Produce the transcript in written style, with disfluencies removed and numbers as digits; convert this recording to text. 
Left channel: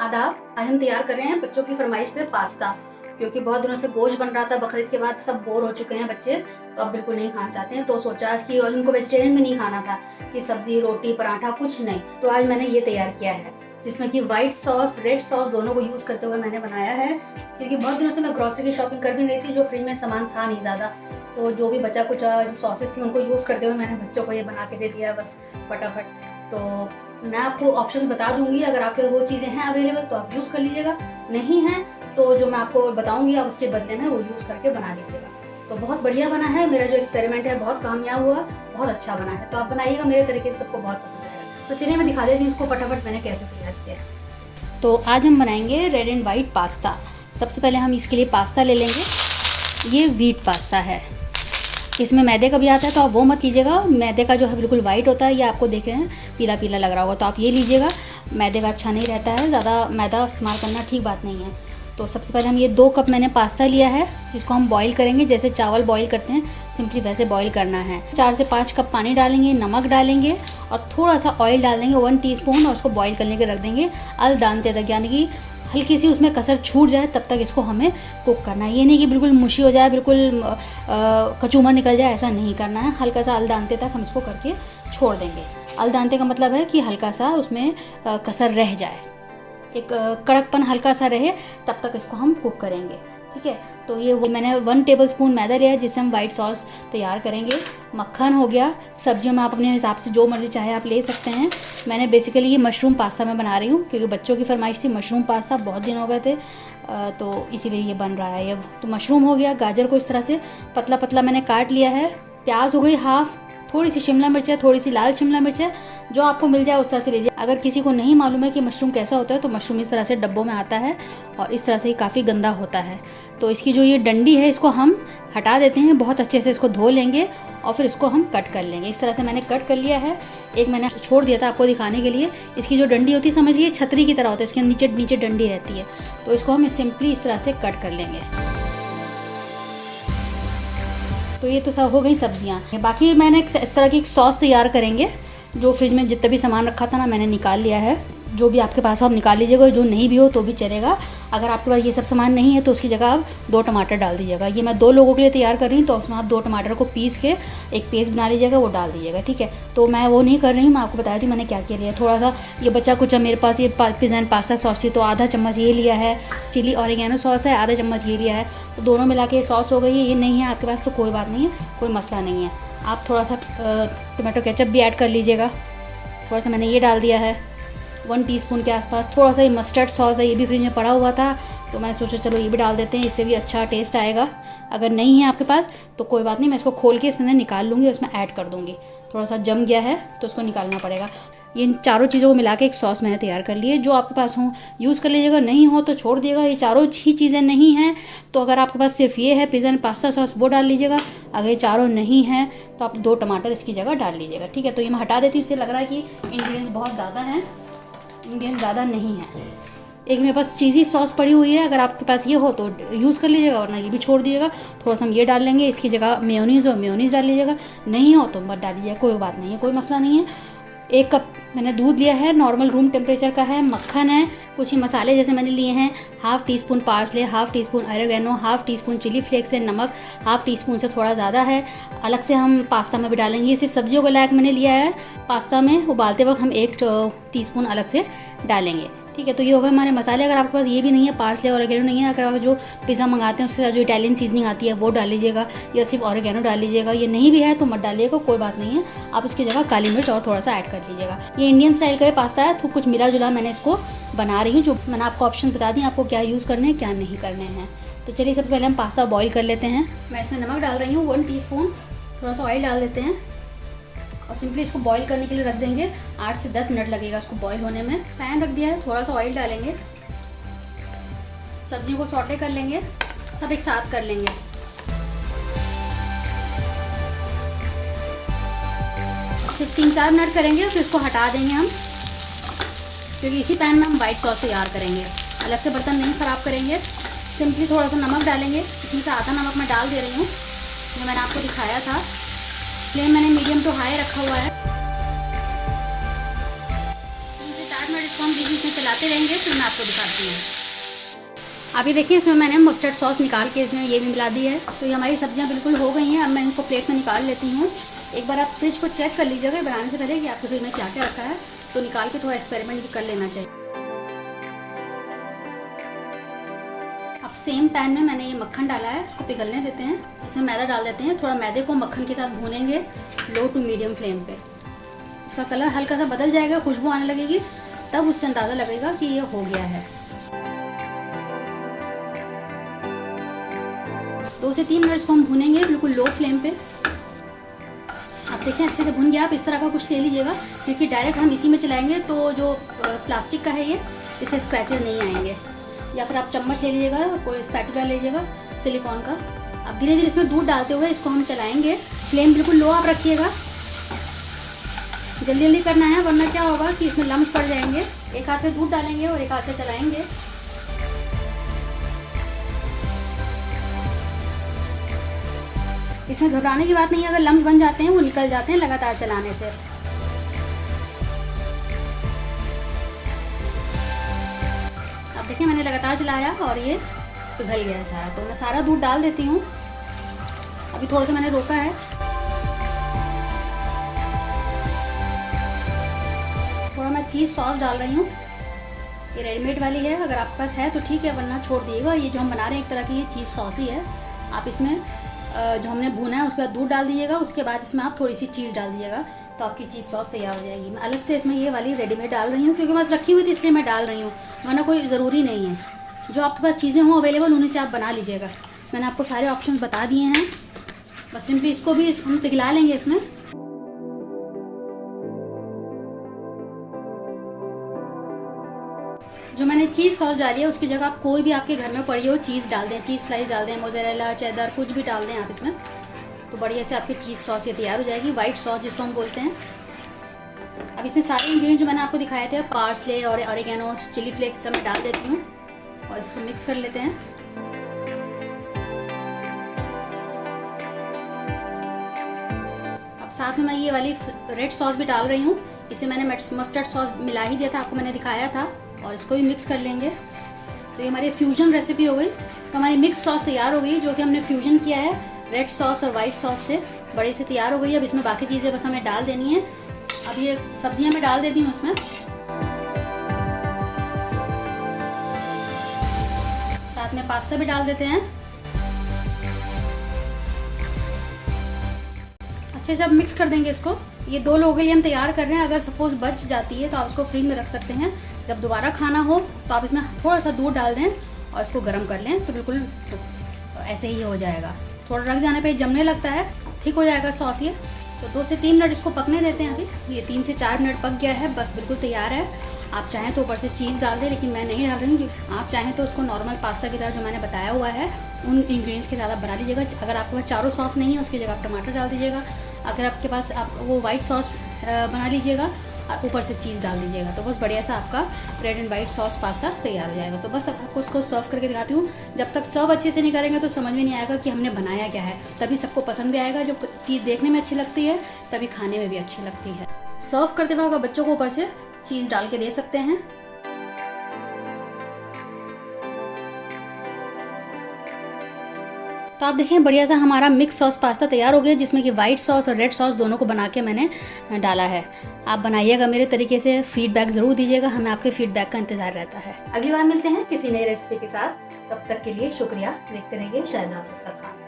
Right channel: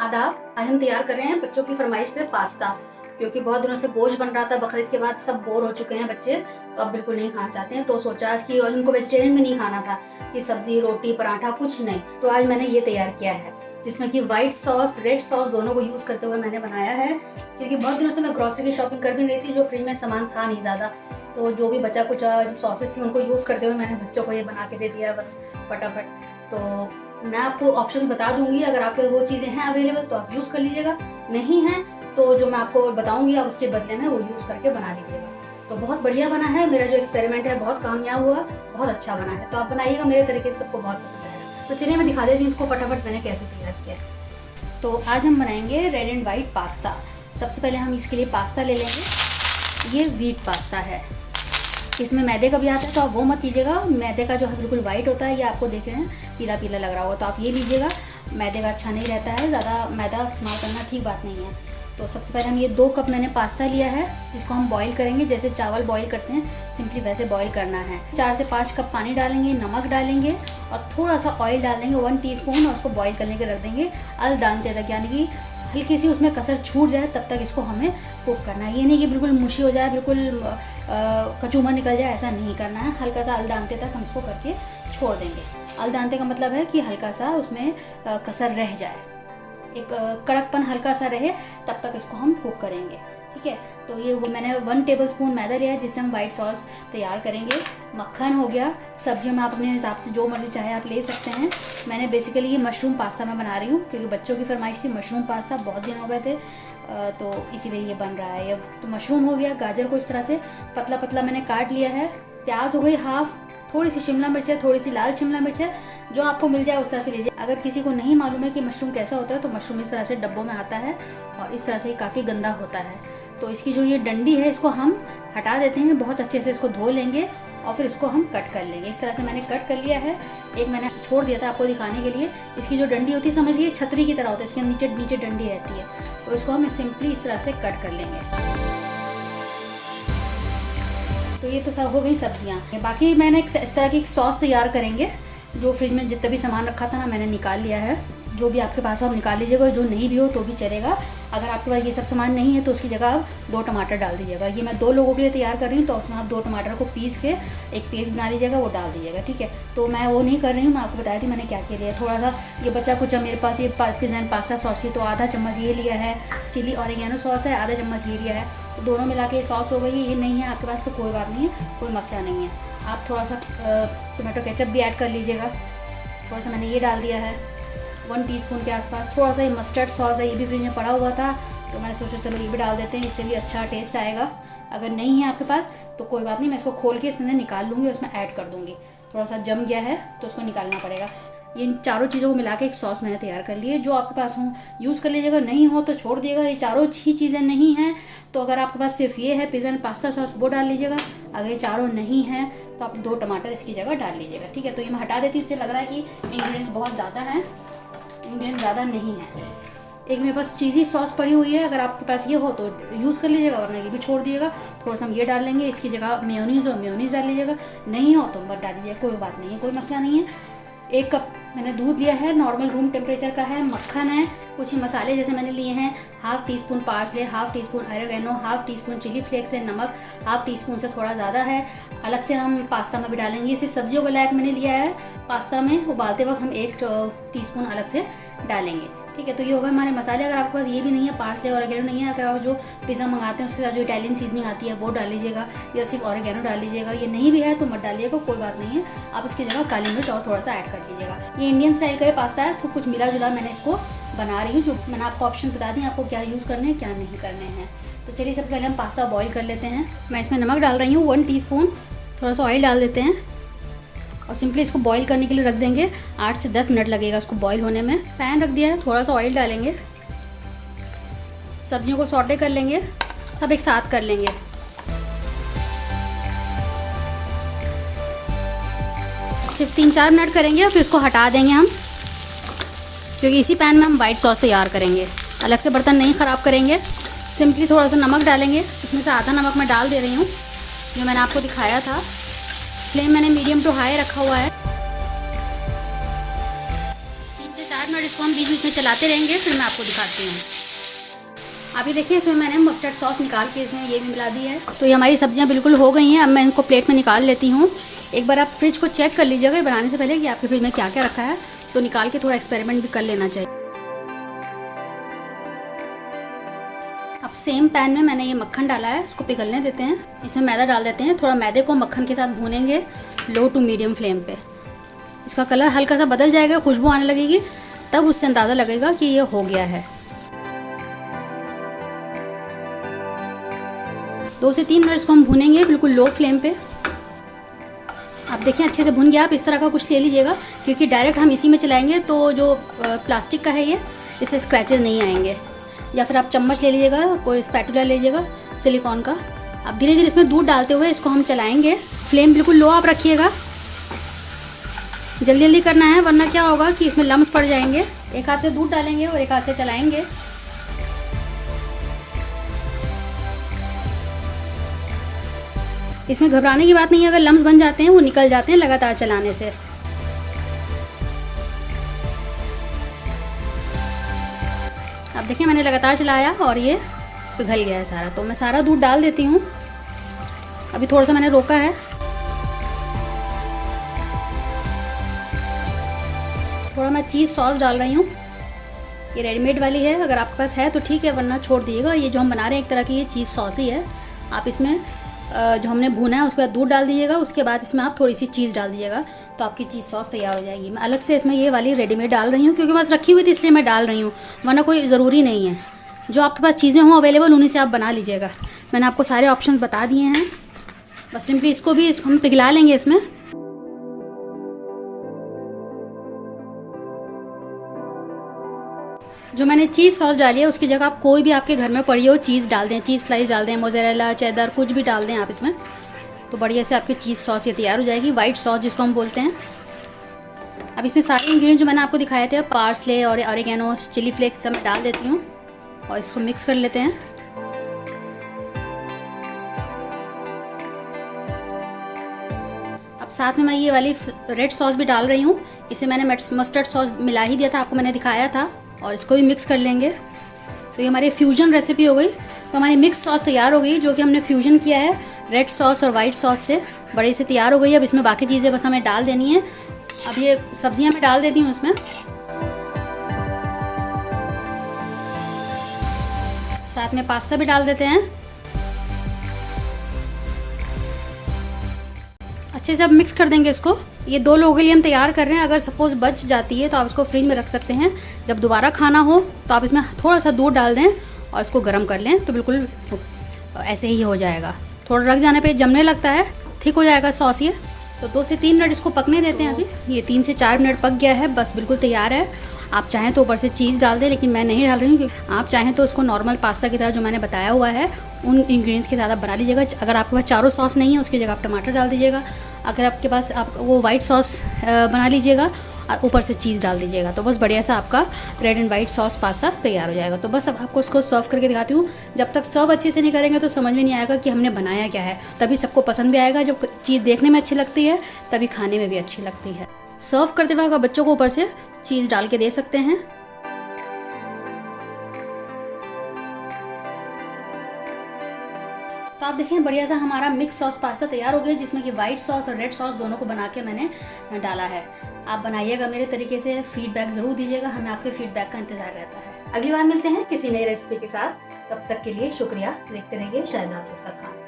आदाब। आज हम तैयार कर रहे हैं बच्चों की फरमाइश पे पास्ता, क्योंकि बहुत दिनों से गोश्त बन रहा था बकरीद के बाद, सब बोर हो चुके हैं बच्चे, तो अब बिल्कुल नहीं खाना चाहते हैं। तो सोचा आज की, और उनको वेजिटेरियन में नहीं खाना था कि सब्जी रोटी पराठा कुछ नहीं, तो आज मैंने ये तैयार किया है जिसमें कि व्हाइट सॉस रेड सॉस दोनों को यूज़ करते हुए मैंने बनाया है। क्योंकि बहुत दिनों से मैं ग्रॉसरी की शॉपिंग कर भी नहीं थी, जो फ्रिज में सामान था नहीं ज़्यादा, तो जो भी बचा कुछ जो सॉसेस थी उनको यूज़ करते हुए मैंने बच्चों को ये बना के दे दिया बस फटाफट। तो मैं आपको ऑप्शन बता दूंगी, अगर आपके वो चीज़ें हैं अवेलेबल तो आप यूज़ कर लीजिएगा, नहीं है तो जो मैं आपको बताऊंगी आप उसके बदले में वो यूज़ करके बना लीजिएगा। तो बहुत बढ़िया बना है, मेरा जो एक्सपेरिमेंट है बहुत कामयाब हुआ, बहुत अच्छा बना है, तो आप बनाइएगा, मेरे तरीके से सबको बहुत पसंद आएगा। तो चलिए मैं दिखा देती हूँ उसको फटाफट मैंने कैसे तैयार किया है। तो आज हम बनाएंगे रेड एंड वाइट पास्ता। सबसे पहले हम इसके लिए पास्ता ले लेंगे। ये व्हीट पास्ता है, इसमें मैदे का भी आता है तो आप वो मत लीजिएगा। मैदे का जो है बिल्कुल वाइट होता है, ये आपको देख रहे हैं पीला पीला लग रहा होगा, तो आप ये लीजिएगा। मैदे का अच्छा नहीं रहता है, ज़्यादा मैदा इस्तेमाल करना ठीक बात नहीं है। तो सबसे पहले हम ये 2 कप मैंने पास्ता लिया है, जिसको हम बॉईल करेंगे जैसे चावल बॉईल करते हैं, सिंपली वैसे बॉईल करना है। 4 से 5 कप पानी डालेंगे, नमक डालेंगे और थोड़ा सा ऑयल डाल देंगे 1 टीस्पून, और उसको बॉईल करने के रख देंगे अल दानते तक, यानी कि हल्की सी उसमें कसर छूट जाए तब तक इसको हमें कुक करना है। ये नहीं कि बिल्कुल मुशी हो जाए, बिल्कुल कचूमर निकल जाए, ऐसा नहीं करना है। हल्का सा अलदानते तक हम इसको करके छोड़ देंगे। अलदानते का मतलब है कि हल्का सा उसमें कसर रह जाए, एक कड़कपन हल्का सा रहे, तब तक इसको हम कुक करेंगे, ठीक है। तो ये वो मैंने 1 टेबलस्पून मैदा लिया है जिससे हम वाइट सॉस तैयार करेंगे। मक्खन हो गया, सब्जियों में आप अपने हिसाब से जो मर्जी चाहे आप ले सकते हैं। मैंने बेसिकली ये मशरूम पास्ता मैं बना रही हूँ, क्योंकि बच्चों की फरमाइश थी मशरूम पास्ता, बहुत दिन हो गए थे, तो इसीलिए ये बन रहा है अब। तो मशरूम हो गया, गाजर को इस तरह से पतला पतला मैंने काट लिया है, प्याज हो गई हाफ, थोड़ी सी शिमला मिर्च है, थोड़ी सी लाल शिमला मिर्च है, जो आपको मिल जाए उस तरह से लीजिए। अगर किसी को नहीं मालूम है कि मशरूम कैसा होता है, तो मशरूम इस तरह से डब्बों में आता है और इस तरह से काफ़ी गंदा होता है। तो इसकी जो ये डंडी है इसको हम हटा देते हैं, बहुत अच्छे से इसको धो लेंगे और फिर इसको हम कट कर लेंगे। इस तरह से मैंने कट कर लिया है। एक मैंने छोड़ दिया था आपको दिखाने के लिए, इसकी जो डंडी होती है समझिए छतरी की तरह होता है, इसके नीचे नीचे डंडी रहती है, तो इसको हम सिंपली इस तरह से कट कर लेंगे। तो ये तो सब हो गई सब्जियाँ। बाकी मैंने इस तरह की एक सॉस तैयार करेंगे, जो फ्रिज में जितना भी सामान रखा था ना मैंने निकाल लिया है। जो भी आपके पास हो आप निकाल लीजिएगा, जो नहीं भी हो तो भी चलेगा। अगर आपके पास ये सब सामान नहीं है तो उसकी जगह आप 2 टमाटर डाल दीजिएगा। ये मैं 2 लोगों के लिए तैयार कर रही हूँ, तो उसमें आप 2 टमाटर को पीस के एक पेस्ट बना लीजिएगा, वो डाल दीजिएगा, ठीक है। तो मैं वो नहीं कर रही हूँ, मैं आपको बताया थी मैंने क्या क्या लिया। थोड़ा सा ये बचा कुछ मेरे पास ये पिज़्ज़ा एंड पास्ता सॉस थी, तो आधा चम्मच ये लिया है। चिली ऑरिगेनो सॉस है, आधा चम्मच ये लिया है, तो दोनों मिला के सॉस हो गई है। ये नहीं है आपके पास तो कोई बात नहीं है, कोई मसला नहीं है। आप थोड़ा सा टमाटो केचप भी ऐड कर लीजिएगा, थोड़ा सा मैंने ये डाल दिया है 1 टीस्पून के आसपास। थोड़ा सा ये मस्टर्ड सॉस है, ये भी फ्रिज में पड़ा हुआ था, तो मैंने सोचा चलो ये भी डाल देते हैं, इससे भी अच्छा टेस्ट आएगा। अगर नहीं है आपके पास तो कोई बात नहीं, मैं इसको खोल के इसमें से निकाल लूँगी, उसमें ऐड कर दूँगी। थोड़ा सा जम गया है तो उसको निकालना पड़ेगा। ये इन चारों चीज़ों को मिला के एक सॉस मैंने तैयार कर ली है। जो आपके पास हो यूज़ कर लीजिएगा, नहीं हो तो छोड़ दिएगा। ये चारों ही चीज़ें नहीं हैं तो अगर आपके पास सिर्फ ये है पिज़्ज़ा एंड पास्ता सॉस, वो डाल लीजिएगा। अगर ये चारों नहीं हैं तो आप 2 टमाटर इसकी जगह डाल लीजिएगा, ठीक है। तो ये मैं हटा देती हूँ, इससे लग रहा है कि इंग्रेडिएंट्स बहुत ज़्यादा हैं, इंग्रेडिएंट्स ज़्यादा नहीं है। एक मेरे पास चीज़ी सॉस पड़ी हुई है, अगर आपके पास ये हो तो यूज़ कर लीजिएगा, वरना ये भी छोड़ दिएगा। थोड़ा सा हम ये डाल लेंगे, इसकी जगह मेयोनीज़ हो मेयोनीज़ डाल लीजिएगा, नहीं हो तो मत डालिएगा, कोई बात नहीं है, कोई मसला नहीं है। 1 कप मैंने दूध लिया है, नॉर्मल रूम टेम्परेचर का है। मक्खन है, कुछ ही मसाले जैसे मैंने लिए हैं, half teaspoon parsley, half teaspoon oregano, half teaspoon chilli flakes है, नमक हाफ़ टीस्पून से थोड़ा ज़्यादा है। अलग से हम पास्ता में भी डालेंगे, ये सिर्फ सब्जियों के लायक मैंने लिया है। पास्ता में उबालते वक्त हम 1 टीस्पून अलग से डालेंगे, ठीक है। तो ये हो गए हमारे मसाले। अगर आपके पास ये भी नहीं है, पार्सले और ऑरिगेनो नहीं है, अगर आप जो पिज़्ज़ा मंगाते हैं उसके साथ जो इटालियन सीजनिंग आती है वो डाल लीजिएगा, या सिर्फ ऑरिगेनो डाल लीजिएगा। ये नहीं भी है तो मत डालिएगा, कोई बात नहीं है। आप उसकी जगह काली मिर्च और थोड़ा सा ऐड कर लीजिएगा। ये इंडियन स्टाइल का पास्ता है, तो कुछ मिला जुला मैंने इसको बना रही हूँ। जो मैंने आपको ऑप्शन बता दी आपको क्या यूज़ करने हैं क्या नहीं करने हैं। तो चलिए सबसे पहले हम पास्ता बॉईल कर लेते हैं। मैं इसमें नमक डाल रही हूँ 1 टीस्पून, थोड़ा सा ऑयल डाल देते हैं और सिंपली इसको बॉईल करने के लिए रख देंगे। 8 से 10 मिनट लगेगा इसको बॉईल होने में। पैन रख दिया है, थोड़ा सा ऑयल डालेंगे, सब्जियों को सौटे कर लेंगे, सब एक साथ कर लेंगे। सिर्फ 3-4 मिनट करेंगे और फिर इसको हटा देंगे हम, क्योंकि इसी पैन में हम वाइट सॉस तैयार करेंगे। अलग से बर्तन नहीं ख़राब करेंगे। सिंपली थोड़ा सा नमक डालेंगे, इसमें से आधा नमक मैं डाल दे रही हूँ, ये मैंने आपको दिखाया था। फ्लेम मैंने मीडियम टू हाई रखा हुआ है। 3 से 4 मिनट इसको हम बीच बीच में चलाते चलाते रहेंगे, फिर मैं आपको दिखाती हूँ। अभी देखिए इसमें मैंने मस्टर्ड सॉस निकाल के इसमें ये भी मिला दी है। तो ये हमारी सब्जियां बिल्कुल हो गई हैं। अब मैं इनको प्लेट में निकाल लेती हूँ। एक बार आप फ्रिज को चेक कर लीजिएगा बनाने से पहले कि आपके फ्रिज में क्या क्या रखा है, तो निकाल के थोड़ा एक्सपेरिमेंट भी कर लेना चाहिए। अब सेम पैन में मैंने ये मक्खन डाला है, इसको पिघलने देते हैं। इसमें मैदा डाल देते हैं। थोड़ा मैदे को मक्खन के साथ भूनेंगे लो टू मीडियम फ्लेम पे। इसका कलर हल्का सा बदल जाएगा, खुशबू आने लगेगी, तब उससे अंदाज़ा लगेगा कि ये हो गया है। 2 से 3 मिनट इसको हम भूनेंगे बिल्कुल लो फ्लेम पे। आप देखिए अच्छे से भुन गया। आप इस तरह का कुछ ले लीजिएगा, क्योंकि डायरेक्ट हम इसी में चलाएंगे तो जो प्लास्टिक का है ये, इससे स्क्रैचेस नहीं आएंगे। या फिर आप चम्मच ले लीजिएगा, कोई स्पैटुला ले लीजिएगा सिलिकॉन का। अब धीरे धीरे इसमें दूध डालते हुए इसको हम चलाएंगे। फ्लेम बिल्कुल लो आप रखिएगा, जल्दी जल्दी करना है, वरना क्या होगा कि इसमें लम्स पड़ जाएंगे। एक हाथ से दूध डालेंगे और एक हाथ से चलाएंगे। इसमें घबराने की बात नहीं है, अगर लम्स बन जाते हैं वो निकल जाते हैं लगातार चलाने से। अब देखिए मैंने लगातार चलाया और ये पिघल गया है सारा। तो मैं सारा दूध डाल देती हूँ। अभी थोड़ा सा मैंने रोका है। थोड़ा मैं चीज़ सॉस डाल रही हूँ। ये रेडीमेड वाली है, अगर आपके पास है तो ठीक है, वरना छोड़ दीजिएगा। ये जो हम बना रहे हैं एक तरह की ये चीज़ सॉस ही है। आप इसमें जो हमने भुना है उसके बाद दूध डाल दीजिएगा, उसके बाद इसमें आप थोड़ी सी चीज़ डाल दीजिएगा, तो आपकी चीज़ सॉस तैयार हो जाएगी। मैं अलग से इसमें ये वाली रेडीमेड डाल रही हूँ, क्योंकि बस रखी हुई थी इसलिए मैं डाल रही हूँ, वरना कोई ज़रूरी नहीं है। जो आपके पास चीज़ें हों अवेलेबल, उन्हीं से आप बना लीजिएगा। मैंने आपको सारे ऑप्शन बता दिए हैं। बस सिंपली इसको भी हम पिघला लेंगे इसमें। जो मैंने चीज़ सॉस डाली है उसकी जगह आप कोई भी आपके घर में पड़ी हो चीज़ डाल दें, चीज़ स्लाइस डाल दें, मोज़रेला, चेडर, कुछ भी डाल दें आप इसमें, तो बढ़िया से आपकी चीज़ सॉस ये तैयार हो जाएगी। वाइट सॉस जिसको हम बोलते हैं। अब इसमें सारे इंग्रेडिएंट जो मैंने आपको दिखाए थे, पार्सले और ऑरिगेनो, चिली फ्लेक्स सब मैं डाल देती हूँ और इसको मिक्स कर लेते हैं। अब साथ में मैं ये वाली रेड सॉस भी डाल रही हूँ। इसे मैंने मस्टर्ड सॉस मिला ही दिया था, आपको मैंने दिखाया था, और इसको भी मिक्स कर लेंगे। तो ये हमारी फ्यूजन रेसिपी हो गई। तो हमारी मिक्स सॉस तैयार हो गई, जो कि हमने फ्यूजन किया है रेड सॉस और वाइट सॉस से, बड़े से तैयार हो गई। अब इसमें बाकी चीज़ें बस हमें डाल देनी है। अब ये सब्जियां मैं डाल देती हूँ इसमें। साथ में पास्ता भी डाल देते हैं। अच्छे से अब मिक्स कर देंगे इसको। ये 2 लोगों के लिए हम तैयार कर रहे हैं। अगर सपोज बच जाती है तो आप इसको फ्रिज में रख सकते हैं। जब दोबारा खाना हो तो आप इसमें थोड़ा सा दूध डाल दें और इसको गर्म कर लें, तो बिल्कुल ऐसे ही हो जाएगा। थोड़ा रख जाने पे जमने लगता है, ठीक हो जाएगा सॉस ये। तो 2 से 3 मिनट इसको पकने देते हैं। अभी ये 3 से 4 मिनट पक गया है, बस बिल्कुल तैयार है। आप चाहें तो ऊपर से चीज़ डाल दें, लेकिन मैं नहीं डाल रही हूँ, क्योंकि आप चाहें तो उसको नॉर्मल पास्ता की तरह जो मैंने बताया हुआ है उन इंग्रेडिएंट्स के साथ बना लीजिएगा। अगर आपके पास चारों सॉस नहीं है उसकी जगह आप टमाटर डाल दीजिएगा। अगर आपके पास आप वो वाइट सॉस बना लीजिएगा, ऊपर से चीज़ डाल दीजिएगा, तो बस बढ़िया सा आपका red and white sauce pasta तैयार हो जाएगा। तो बस अब आपको उसको सर्व करके दिखाती हूँ। जब तक सर्व अच्छे से नहीं करेंगे तो समझ में नहीं आएगा कि हमने बनाया क्या है। तभी सबको पसंद भी आएगा। जो चीज़ देखने में अच्छी लगती है तभी खाने में भी अच्छी लगती है। सर्व करते वक्त बच्चों को ऊपर से चीज़ डाल के दे सकते हैं। तो आप देखें बढ़िया सा हमारा मिक्स सॉस पास्ता तैयार हो गया, जिसमें कि वाइट सॉस और रेड सॉस दोनों को बना के मैंने डाला है। आप बनाइएगा मेरे तरीके से, फीडबैक ज़रूर दीजिएगा, हमें आपके फीडबैक का इंतज़ार रहता है। अगली बार मिलते हैं किसी नई रेसिपी के साथ। तब तक के लिए शुक्रिया। देखते रहिए शहनाज अख्तर खान।